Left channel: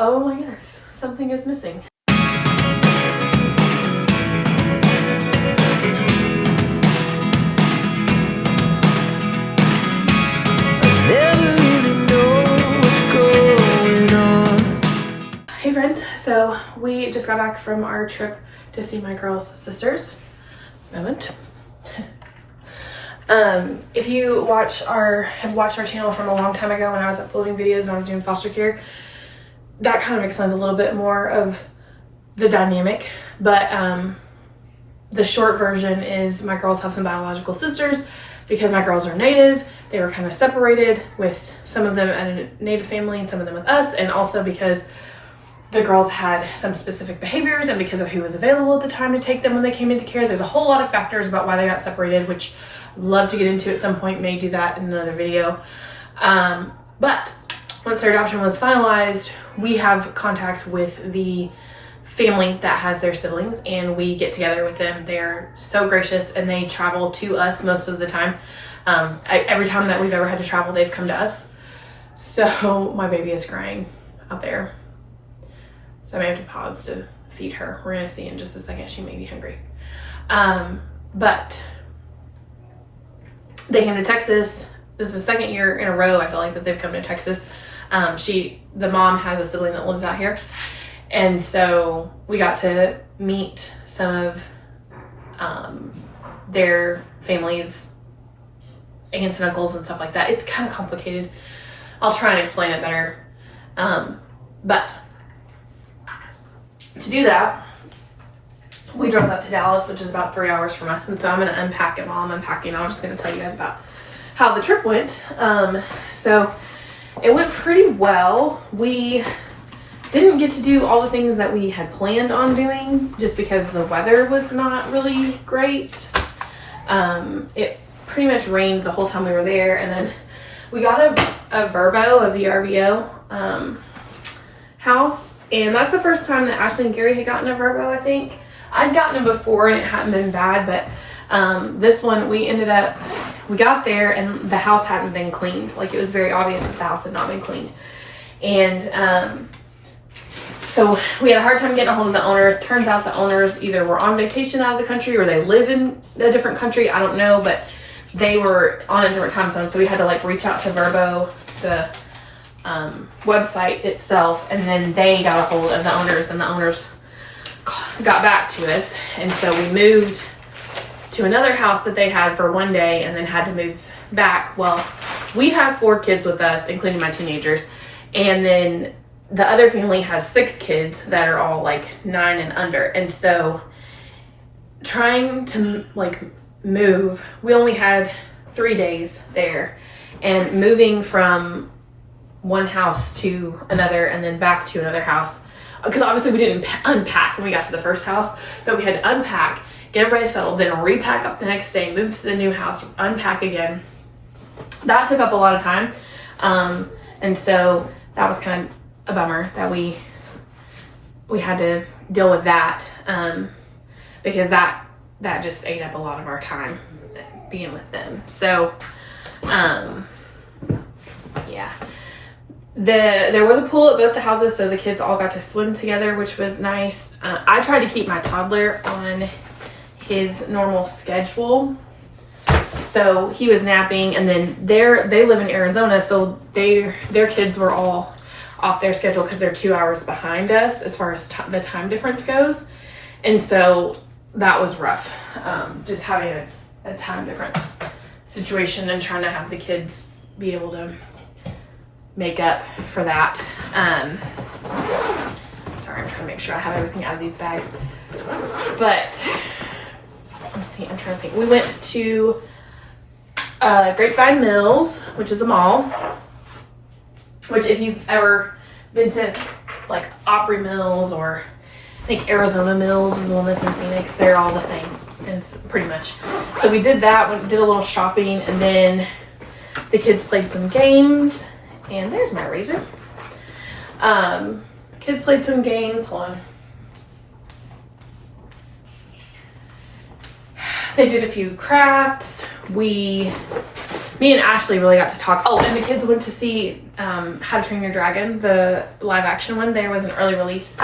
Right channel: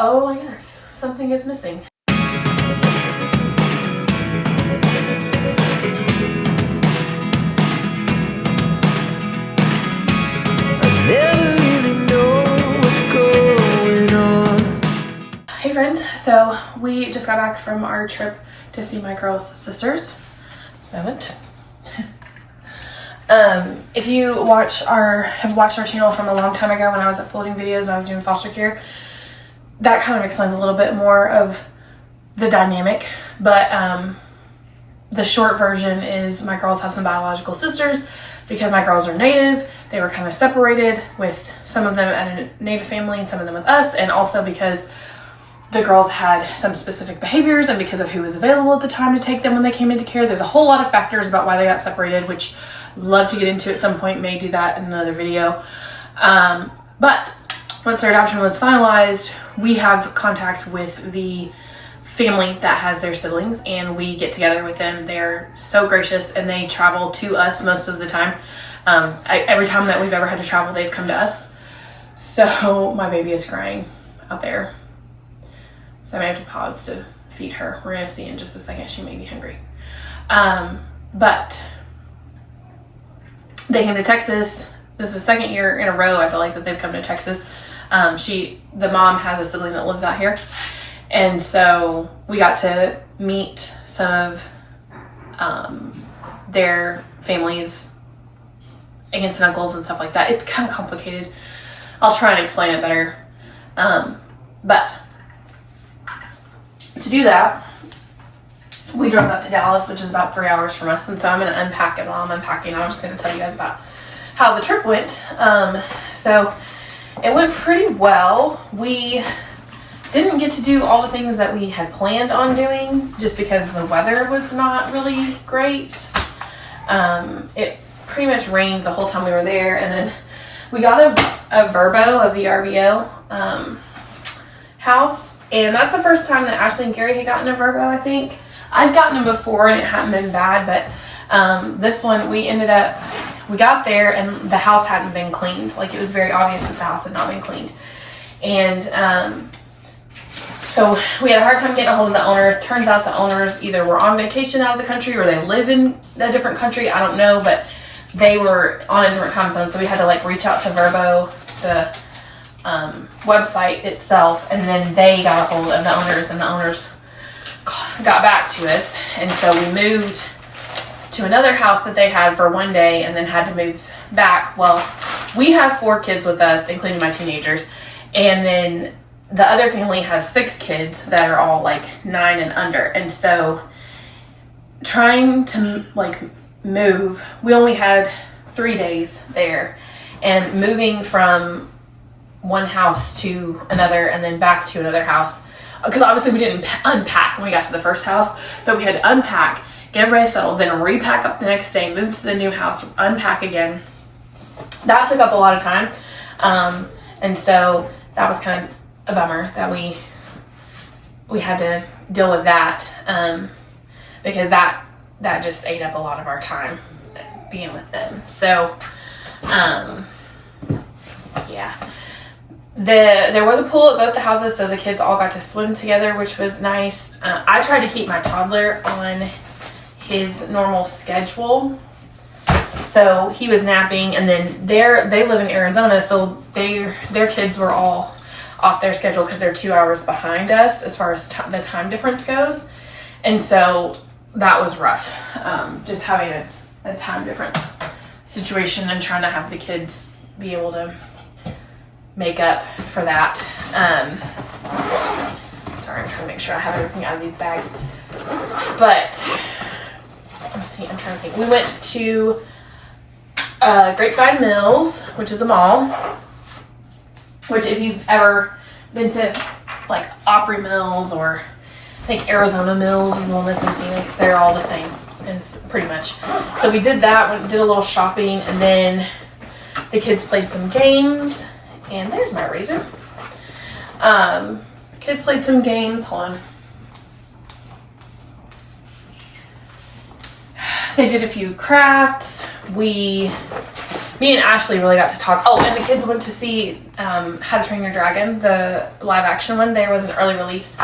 Oh my goodness, something is missing. Never really know what's going on. Hey friends, so we just got back from our trip to see my girls' sisters. Moment. If you have watched our channel from a long time ago when I was uploading videos and I was doing foster care, that kind of explains a little bit more of the dynamic. But the short version is my girls have some biological sisters. Because my girls are Native, they were kind of separated, with some of them at a Native family and some of them with us, and also because the girls had some specific behaviors and because of who was available at the time to take them when they came into care. There's a whole lot of factors about why they got separated, which I'd love to get into at some point, may do that in another video. But once their adoption was finalized, we have contact with the family that has their siblings, and we get together with them. They're so gracious, and they travel to us most of the time. Every time that we've ever had to travel, they've come to us. So my baby is crying out there, so I may have to pause to feed her. We're gonna see in just a second. She may be hungry. But they came to Texas. This is the second year in a row I feel like that they've come to Texas. The mom has a sibling that lives out here. And so we got to meet some of their families, aunts and uncles and stuff like that. It's kind of complicated. I'll try and explain it better. But to do that, we drove up to Dallas, which is about 3 hours from us. And so I'm going to unpack it while I'm unpacking. I'm just going to tell you guys about how the trip went. So it went pretty well. We didn't get to do all the things that we had planned on doing just because the weather was not really great. It pretty much rained the whole time we were there, and then we got a VRBO house, and that's the first time that Ashley and Gary had gotten a Verbo. I think I'd gotten them before and it hadn't been bad, but this one we got there and the house hadn't been cleaned. Like, it was very obvious that the house had not been cleaned, and so we had a hard time getting a hold of the owners. Turns out the owners either were on vacation out of the country or they live in a different country. I don't know, but they were on a different time zone. So we had to reach out to Verbo, the website itself, and then they got a hold of the owners, and the owners got back to us. And so we moved to another house that they had for one day and then had to move back. Well, we have 4 kids with us, including my teenagers. And then the other family has 6 kids that are all 9 and under. And so trying to move, we only had 3 days there, and moving from one house to another and then back to another house, because obviously we didn't unpack when we got to the first house, but we had to unpack, get everybody settled, then repack up the next day, move to the new house, unpack again. That took up a lot of time, and so that was kind of a bummer that we had to deal with that, because that just ate up a lot of our time being with them. So yeah, there was a pool at both the houses, so the kids all got to swim together, which was nice. I tried to keep my toddler on his normal schedule, so he was napping, and then they live in Arizona, so their kids were all off their schedule because they're 2 hours behind us as far as the time difference goes. And so that was rough, just having a time difference situation and trying to have the kids be able to make up for that. Sorry, I'm trying to make sure I have everything out of these bags. But I'm trying to think. We went to Grapevine Mills, which is a mall, which if you've ever been to Opry Mills, or I think Arizona Mills is the one that's in Phoenix, they're all the same, and it's pretty much. So we did that, did a little shopping, and then the kids played some games, and there's my razor. Kids played some games, hold on. They did a few crafts. We me and Ashley really got to talk. Oh, and the kids went to see How to Train Your Dragon, the live action one. There was an early release.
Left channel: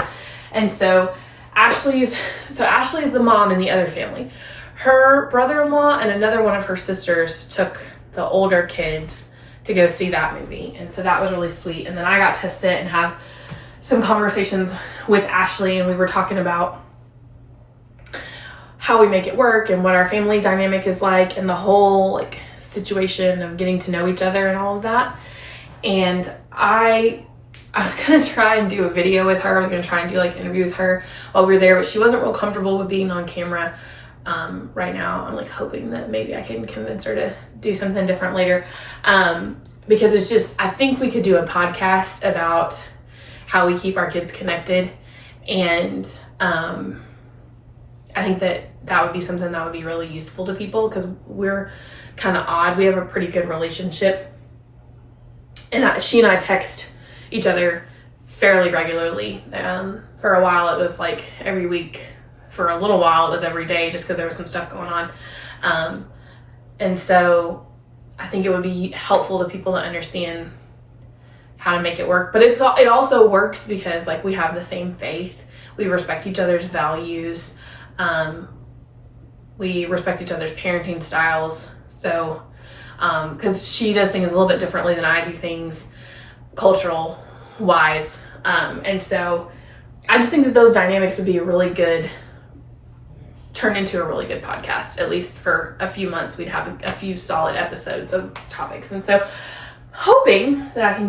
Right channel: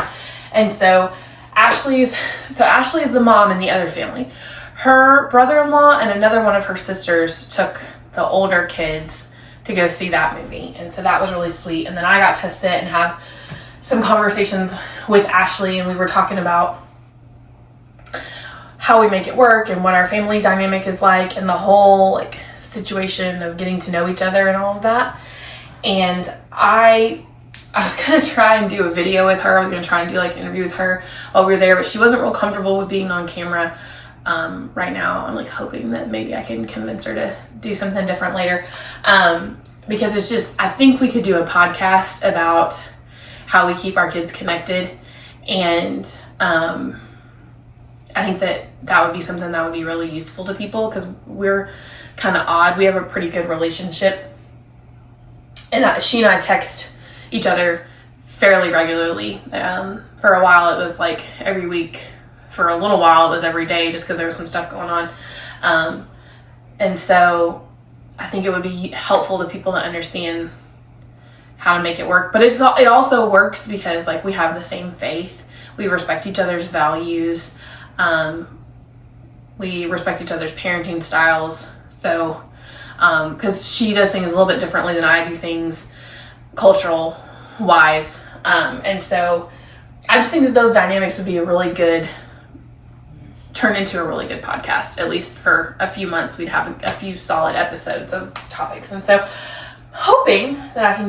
And so Ashley's the mom in the other family. Her brother-in-law and another one of her sisters took the older kids to go see that movie. And so that was really sweet. And then I got to sit and have some conversations with Ashley, and we were talking about how we make it work and what our family dynamic is like, and the whole like situation of getting to know each other and all of that. And I was gonna try and do a video with her. I was gonna try and do like an interview with her while we were there, but she wasn't real comfortable with being on camera right now. I'm like hoping that maybe I can convince her to do something different later, because it's just, I think we could do a podcast about how we keep our kids connected, and I think that would be something that would be really useful to people, because we're kind of odd. We have a pretty good relationship, and she and I text each other fairly regularly. For a while it was like every week. For a little while it was every day, just because there was some stuff going on. And so I think it would be helpful to people to understand how to make it work. But it also works because like we have the same faith. We respect each other's values. We respect each other's parenting styles. So, because she does things a little bit differently than I do things cultural wise. And so I just think that those dynamics would be turn into a really good podcast. At least for a few months, we'd have a few solid episodes of topics. And so hoping that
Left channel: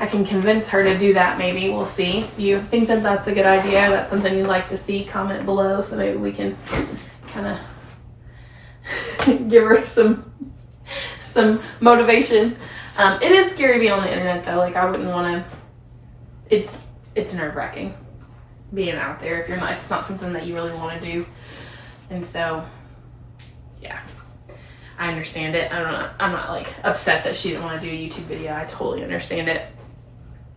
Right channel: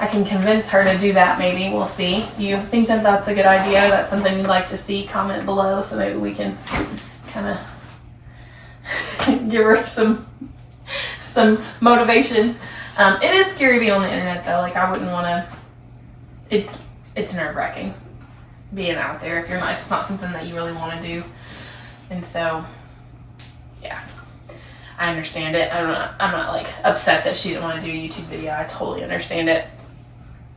I can convince her to do that. Maybe we'll see. Do you think that that's a good idea? That's something you'd like to see? Comment below so maybe we can kind of give her some motivation. It is scary being on the internet though. Like I wouldn't want to. It's nerve-wracking being out there if it's not something that you really want to do. And so yeah, I understand it. I'm not like upset that she didn't want to do a YouTube video. I totally understand it.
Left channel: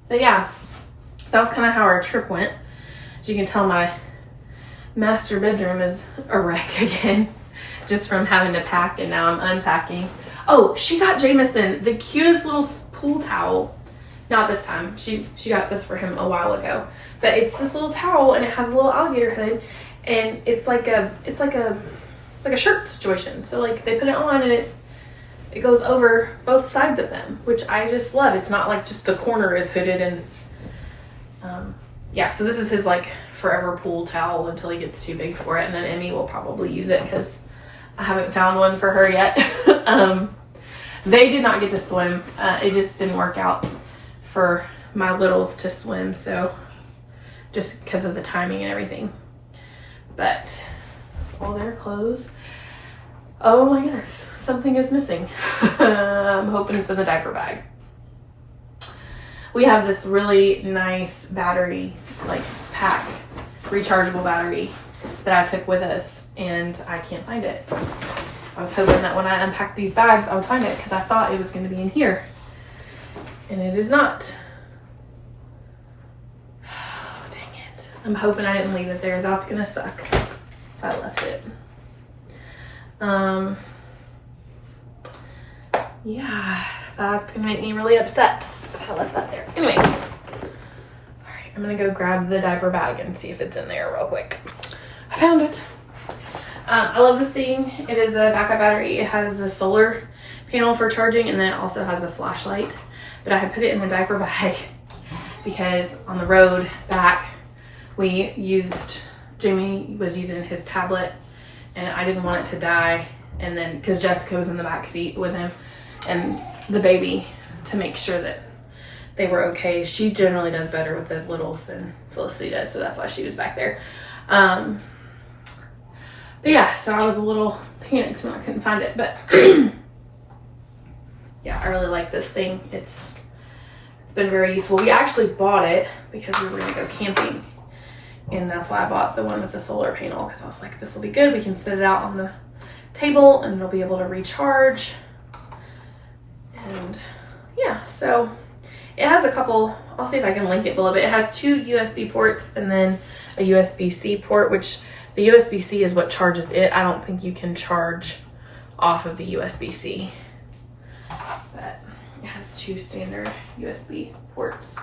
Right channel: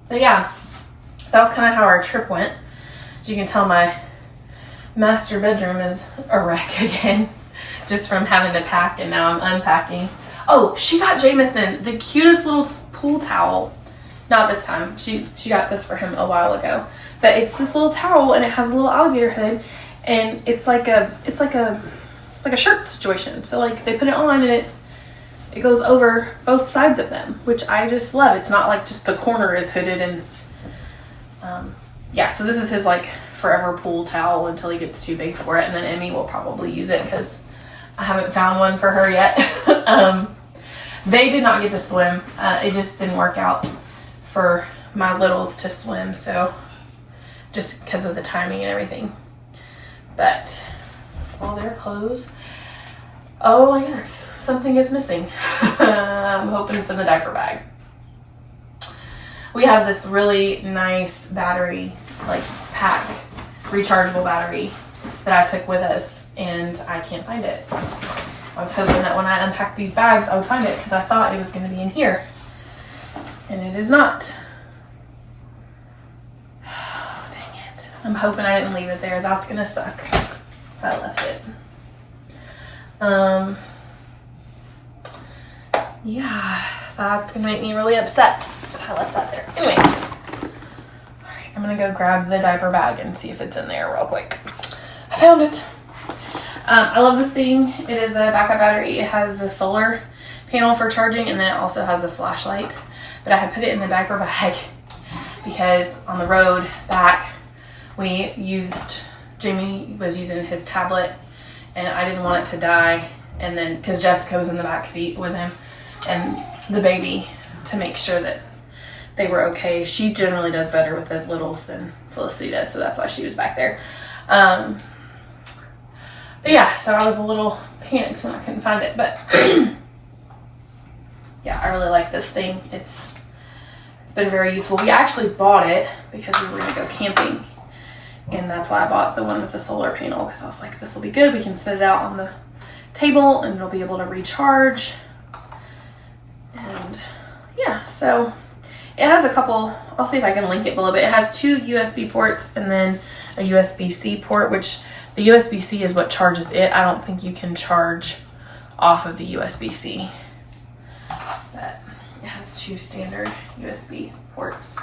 But yeah, that was kind of how our trip went. As you can tell, my master bedroom is a wreck again, just from having to pack, and now I'm unpacking. Oh, she got Jameson the cutest little pool towel. Not this time. She got this for him a while ago. But it's this little towel, and it has a little alligator hood, and it's like a shirt situation. So like they put it on, and it goes over both sides of them, which I just love. It's not like just the corner is hooded. And yeah, so this is his like forever pool towel until he gets too big for it, and then Emmy will probably use it because I haven't found one for her yet. They did not get to swim. It just didn't work out for my littles to swim, so just because of the timing and everything. But all their clothes. Oh my goodness, something is missing. I'm hoping it's in the diaper bag. We have this really nice battery, like pack, rechargeable battery that I took with us, and I can't find it. I was hoping that when I unpacked these bags I would find it, because I thought it was going to be in here, and it is not. Dang it. I'm hoping I didn't leave it there. That's going to suck if I left it. Yeah, that's gonna make me really upset if I left that there. Anyway, all right, I'm gonna go grab the diaper bag and see if it's in there real quick. I found it. I love this thing. It is a backup battery. It has the solar panel for charging, and then it also has a flashlight. But I had put it in the diaper bag because on the road back, Jamie was using his tablet, and I didn't want it to die. And then, because Jessica was in the back seat with him and the baby, to make sure that they were okay. She generally does better with the littles than Felicity does, so that's why she was back there. But yeah, so I was a little panicked when I couldn't find it, but yeah, I really like this thing. It's been very useful. We actually bought it because we were gonna go camping, and that's why I bought the one with the solar panel, because I was like, this will be good. We can set it out on the table and it'll be able to recharge. And yeah, so it has a couple, I'll see if I can link it below, but it has 2 USB ports and then a USB-C port, which the USB-C is what charges it. I don't think you can charge off of the USB-C. But it has 2 standard USB ports.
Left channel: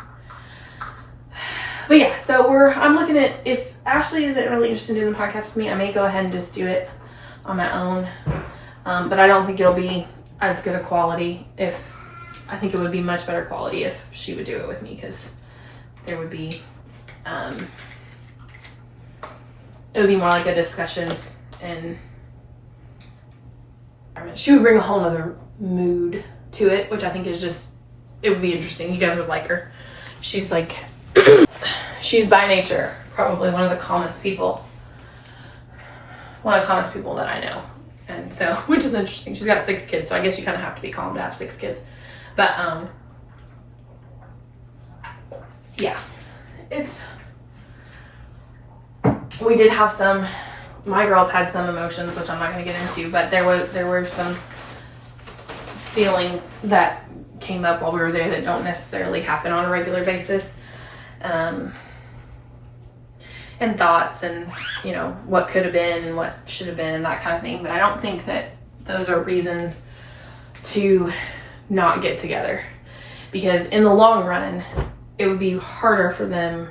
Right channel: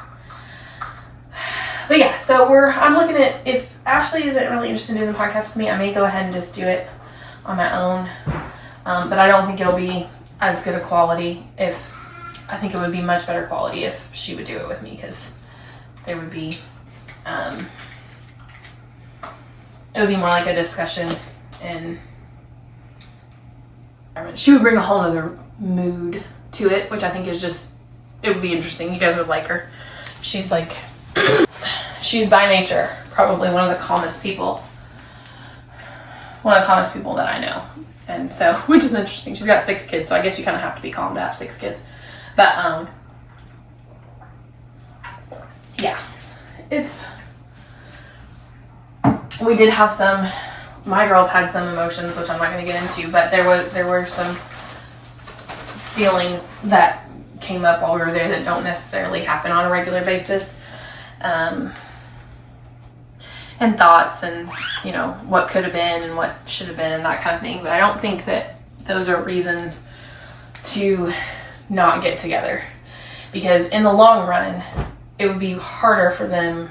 But yeah, so I'm looking at, if Ashley isn't really interested in doing the podcast with me, I may go ahead and just do it on my own. But I don't think it'll be as good a quality I think it would be much better quality if she would do it with me, because there would be, it would be more like a discussion, and she would bring a whole nother mood to it, which I think is just, it would be interesting. You guys would like her. She's like, she's by nature probably one of the calmest people that I know. And so, which is interesting. She's got 6 kids, so I guess you kind of have to be calm to have 6 kids. But, yeah, we did have my girls had some emotions, which I'm not going to get into, but there were some feelings that came up while we were there that don't necessarily happen on a regular basis. And thoughts and, what could have been and what should have been and that kind of thing. But I don't think that those are reasons to not get together, because in the long run, it would be harder for them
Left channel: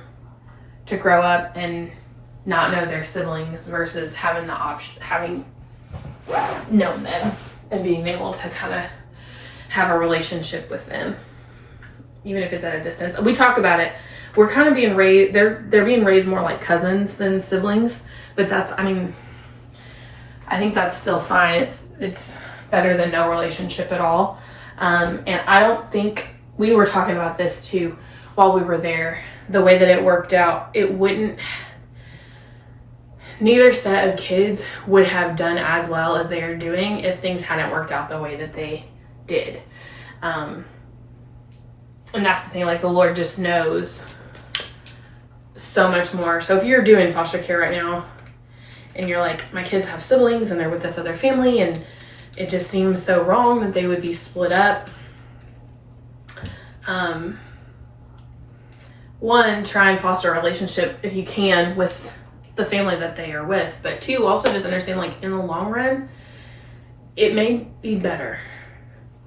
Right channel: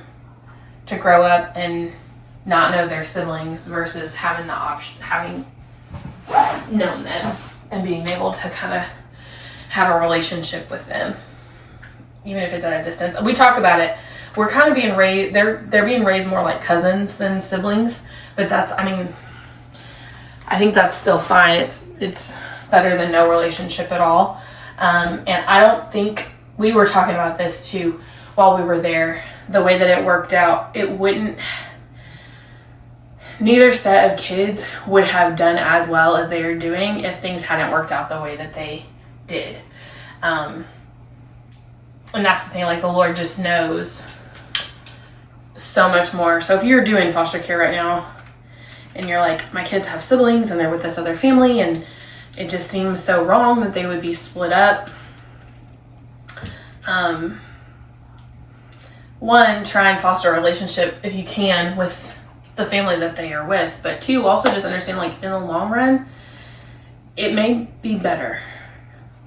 to grow up and not know their siblings versus having the option, having known them and being able to kind of have a relationship with them, even if it's at a distance. We talk about it. We're kind of being raised, they're being raised more like cousins than siblings, but I think that's still fine. It's better than no relationship at all. And I don't think, we were talking about this too while we were there, the way that it worked out, neither set of kids would have done as well as they are doing if things hadn't worked out the way that they did. And that's the thing, like the Lord just knows so much more. So if you're doing foster care right now and you're like, my kids have siblings and they're with this other family and it just seems so wrong that they would be split up. 1, try and foster a relationship if you can with the family that they are with. But 2, also just understand, like, in the long run, it may be better.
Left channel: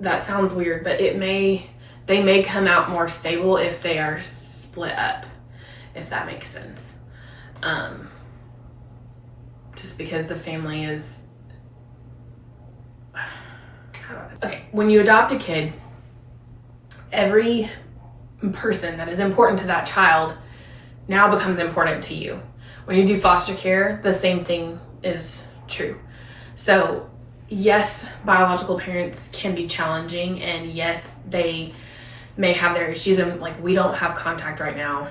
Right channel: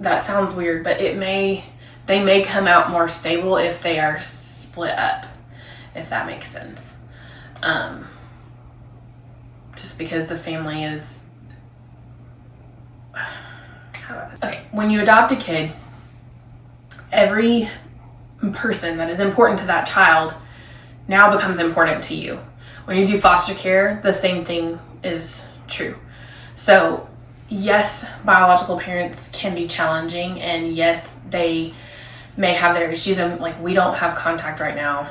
That sounds weird, but they may come out more stable if they are split up, if that makes sense. Just because the family is, okay, when you adopt a kid, every person that is important to that child now becomes important to you. When you do foster care, the same thing is true. So yes, biological parents can be challenging, and yes, they may have their issues, and like, we don't have contact right now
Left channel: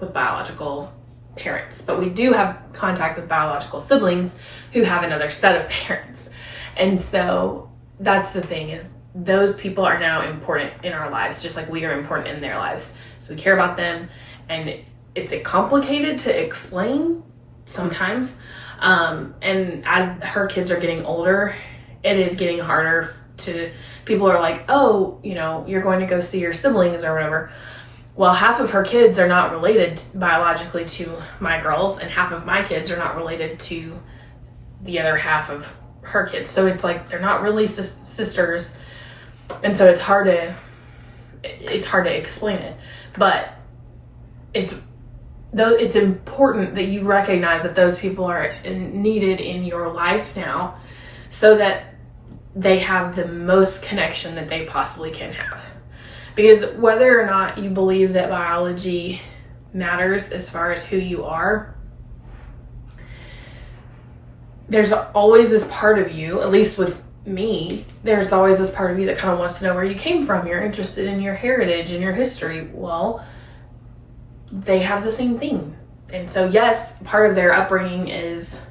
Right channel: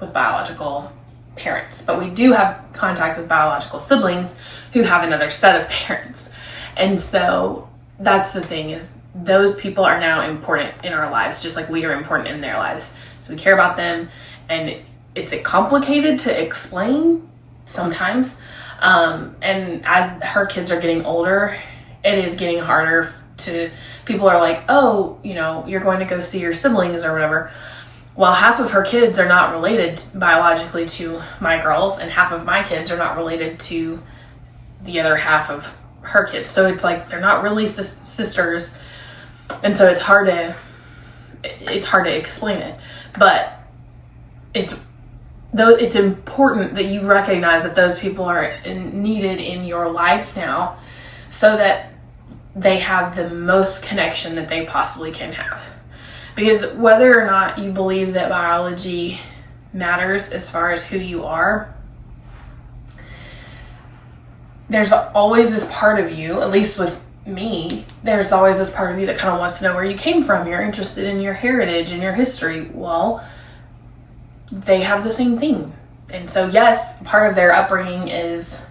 with biological parents, but we do have contact with biological siblings who have another set of parents. And so that's the thing, is those people are now important in our lives, just like we are important in their lives. So we care about them, and it's complicated to explain sometimes. And as her kids are getting older, it is getting harder people are like, oh, you're going to go see your siblings or whatever. Well, half of her kids are not related biologically to my girls, and half of my kids are not related to the other half of her kids. So it's like, they're not really sisters. And so it's hard to explain it, but it's important that you recognize that those people are needed in your life now, so that they have the most connection that they possibly can have. Because whether or not you believe that biology matters as far as who you are, there's always this part of you, at least with me, there's always this part of you that kind of wants to know where you came from. You're interested in your heritage and your history. Well, they have the same thing. And so yes, part of their upbringing is,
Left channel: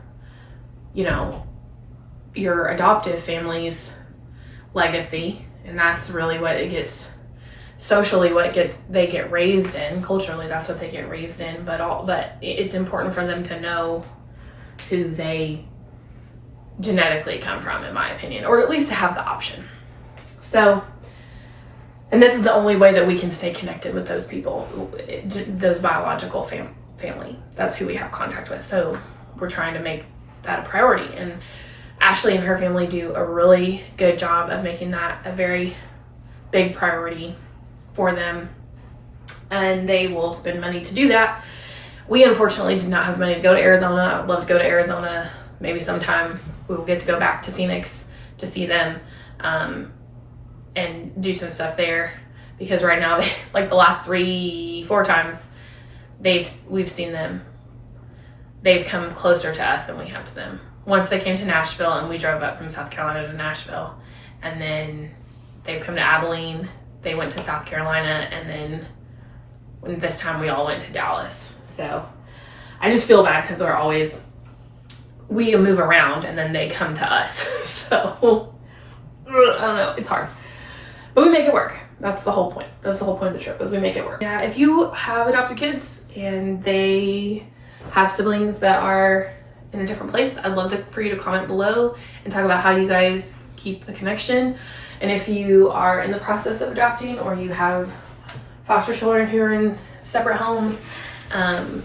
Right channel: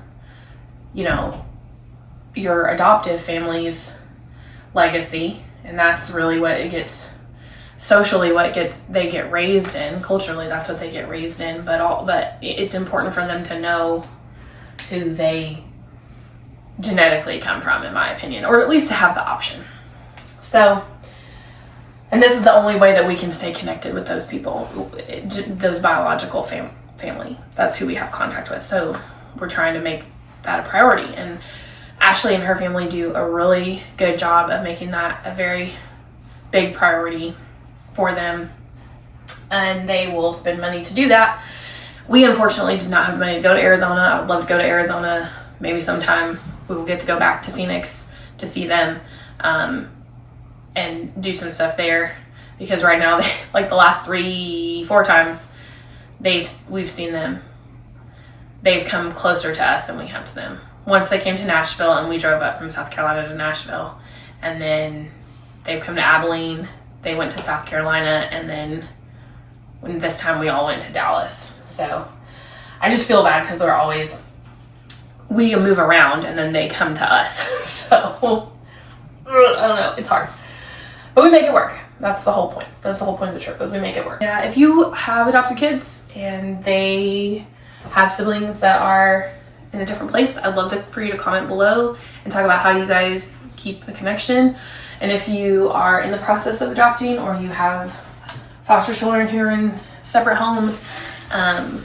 your adoptive family's legacy, and that's really what it gets socially, they get raised in. Culturally, that's what they get raised in, but it's important for them to know who they genetically come from, in my opinion, or at least to have the option. So, and this is the only way that we can stay connected with those people, those biological family. That's who we have contact with. So we're trying to make that a priority. And Ashley and her family do a really good job of making that a very big priority for them, and they will spend money to do that. We unfortunately did not have money to go to Arizona. I would love to go to Arizona. Maybe sometime we will get to go back to Phoenix to see them and do some stuff there, because right now, like the last 3-4 times we've seen them, they've come closer to us than we have to them. Once they came to Nashville, and we drove up from South Carolina to Nashville, and then they've come to Abilene, they went to South Carolina, and then this time we all went to Dallas. So I just feel bad because we move around and then they come to us. So I don't know, it's hard, but we make it work. That's the whole point. That's the whole point of the trip, is we make it work. Yeah, if you have adopted kids and they have siblings that are in a different place, I'd love for you to comment below and talk about how you guys keep a connection. And if you are in the process of adopting, or you have foster children who are in separate homes, and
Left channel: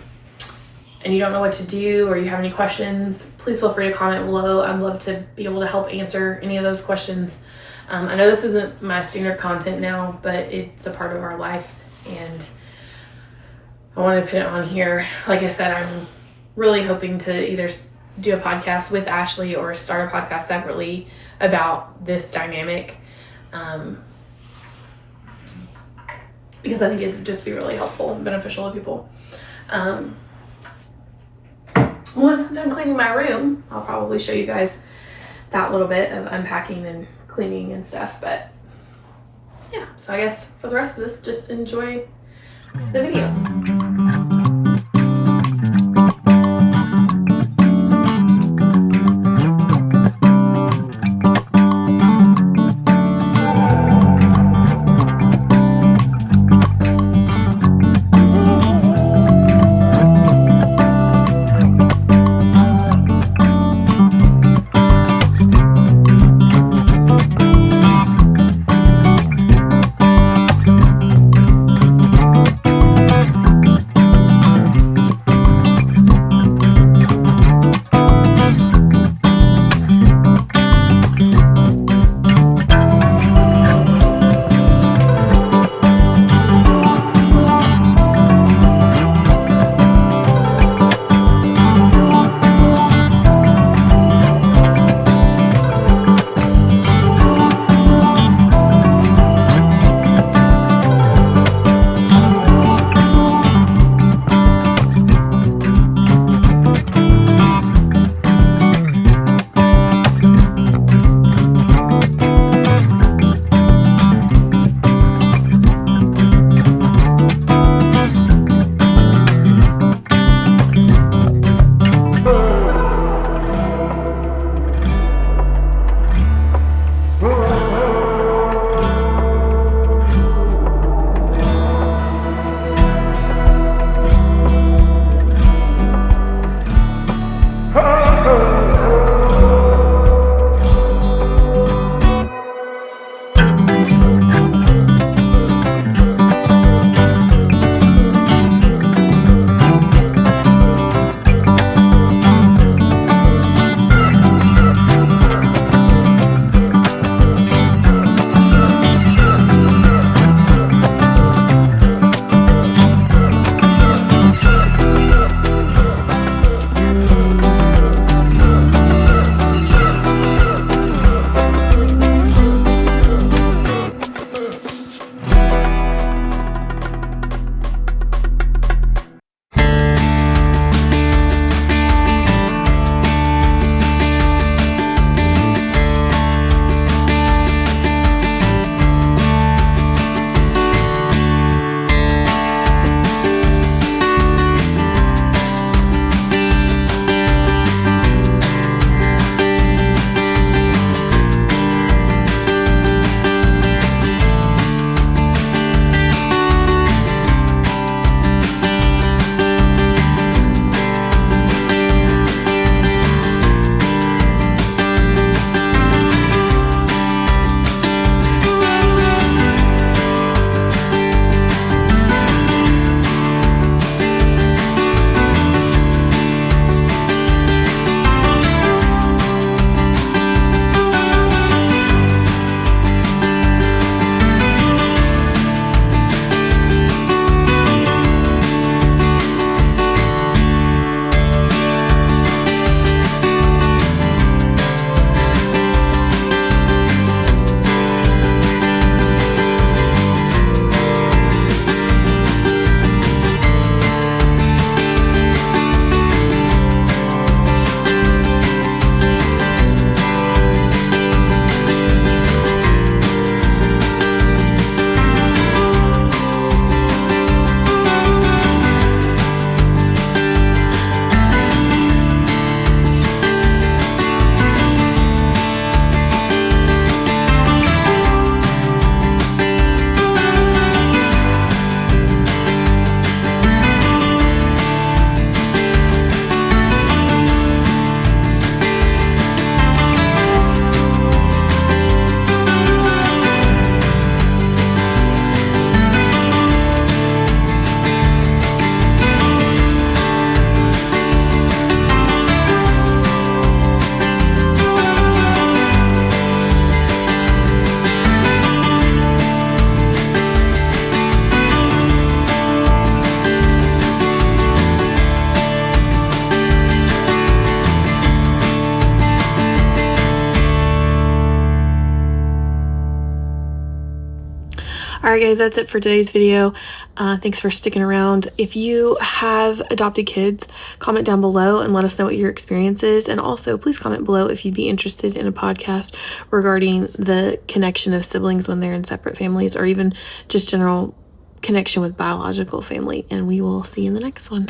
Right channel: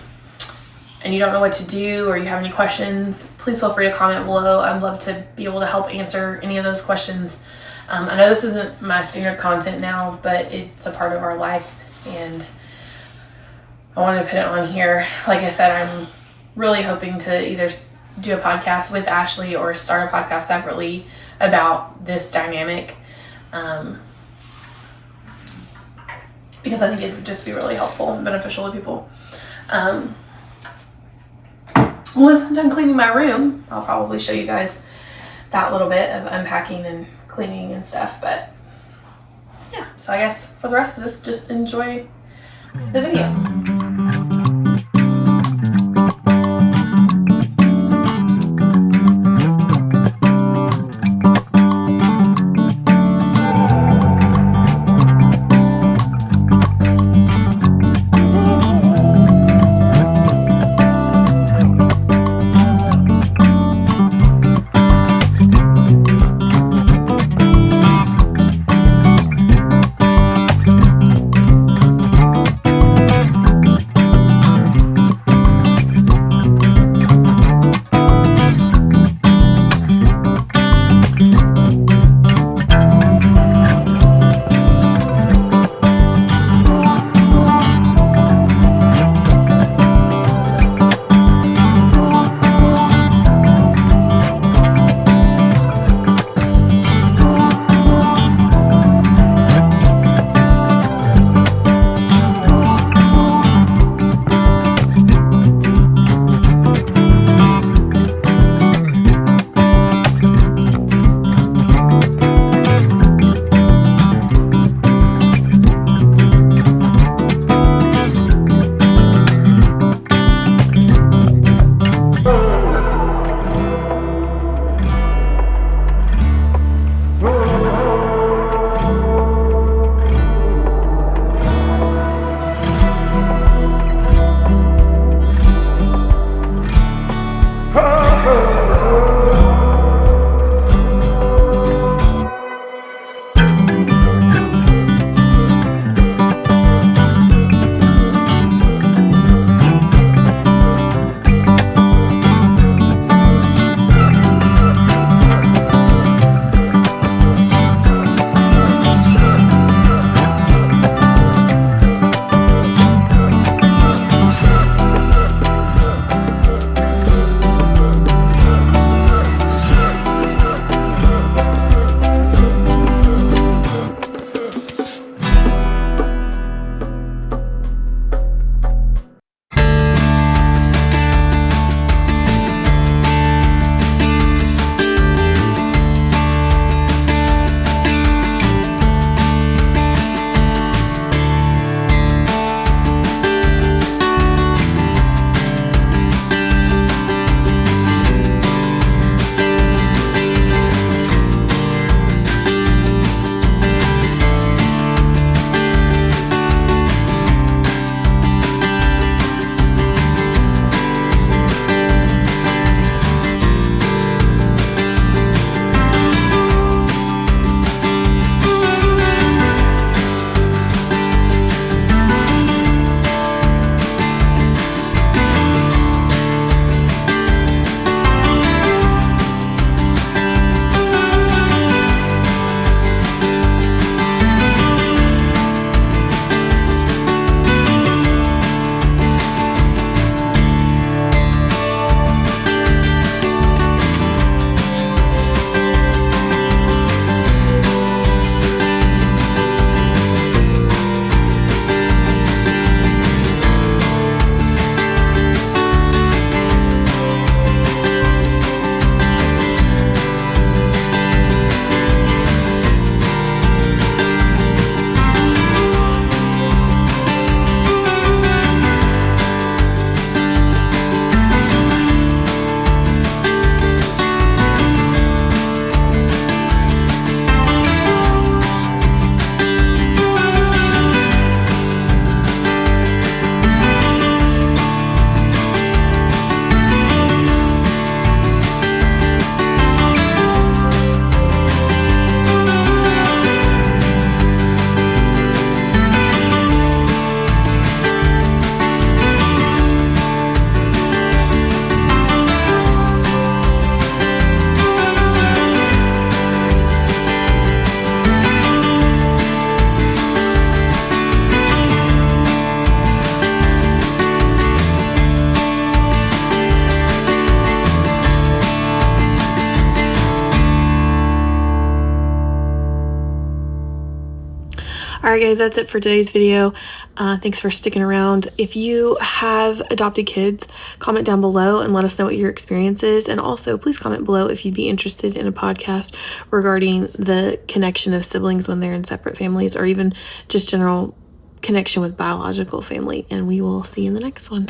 you don't know what to do, or you have any questions, please feel free to comment below. I'd love to be able to help answer any of those questions. I know this isn't my standard content now, but it's a part of our life, and I wanted to put it on here. Like I said, I'm really hoping to either do a podcast with Ashley or start a podcast separately about this dynamic, because I think it would just be really helpful and beneficial to people. Once I'm done cleaning my room, I'll probably show you guys that little bit of unpacking and cleaning and stuff. But yeah, so I guess for the rest of this, just enjoy the video. Alright guys, that's it for today's video. Thanks for sticking around. If you have adopted kids, comment down below and let us know what your experience is. And also, please comment below if you'd be interested in a podcast regarding the connection of siblings when they're in separate families, or even just general connection with biological family. And we will see you in the next one.